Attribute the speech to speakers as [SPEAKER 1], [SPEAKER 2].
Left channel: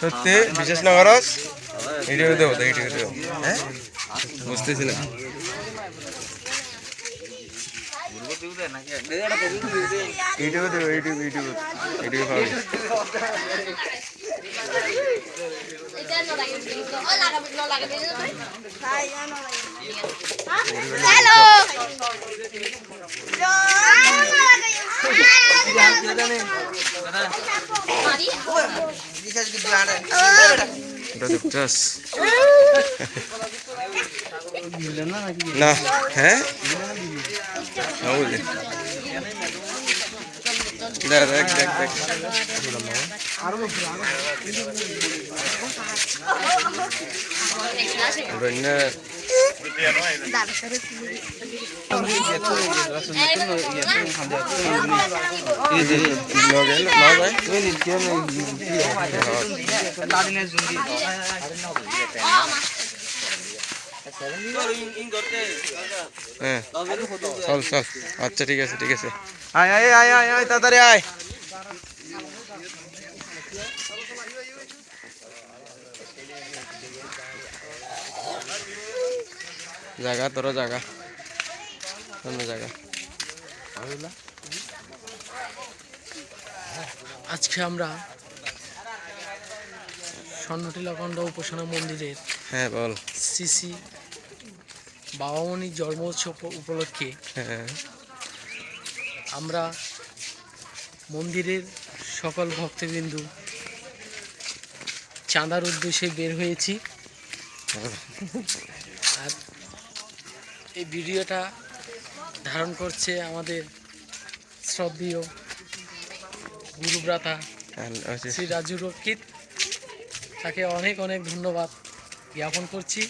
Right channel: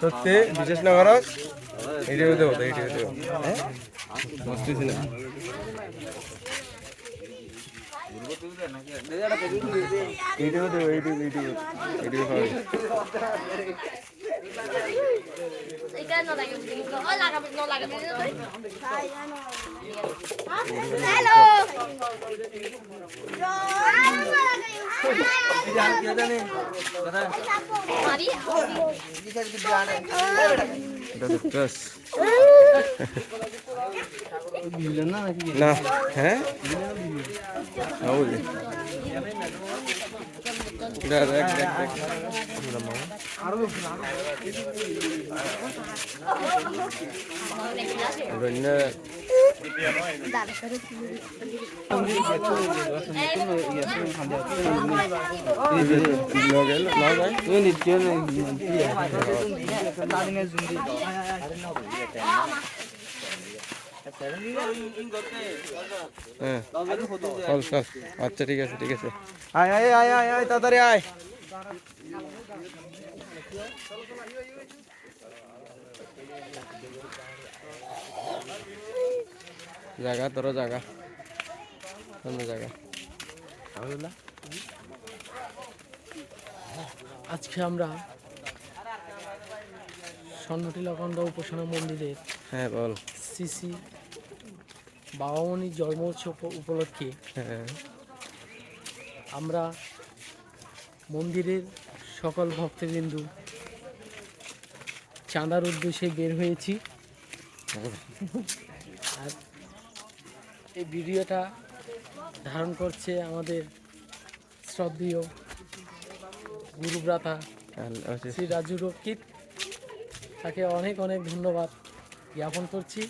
[SPEAKER 1] সত্যি বিশেষ না করস এইটাকে দেবো তো এইটাকে দেবো হ্যাঁ বুঝতেছি না এইটাকে দেবো এইটুকু এইটুকু এইটুকু পাবি
[SPEAKER 2] हेलो
[SPEAKER 1] এটা দেখছস না হ্যাঁ না বুঝলি দেখ দেখ দেখ হ্যাঁ চল চল। আচ্ছা ঠিক আছে ঠিক আছে। আয় আয় আয় আয় আয় তাড়াতাড়ি আয়। জায়গা তোর জায়গা অন্য জায়গা
[SPEAKER 3] আজকে আমরা স্বর্ণটিলাকণ্ড উপাসনা মন্দিরের
[SPEAKER 1] হ্যাঁ বল।
[SPEAKER 3] শ্রী বাবামণির জন্ম উৎসব উপলক্ষে
[SPEAKER 1] হ্যাঁ।
[SPEAKER 3] আমরা মন্দিরের সকল ভক্তবিন্দু চাঁদার উদ্দেশ্যে বের হয়েছি। আর এই ভিডিওটা ধারণ করছে আমাদের শ্রদ্ধেয় গুরুব্রাতা শ্রী রাজু রক্ষিত। তাকে অনেক অনেক ধন্যবাদ জ্ঞাপন করছি।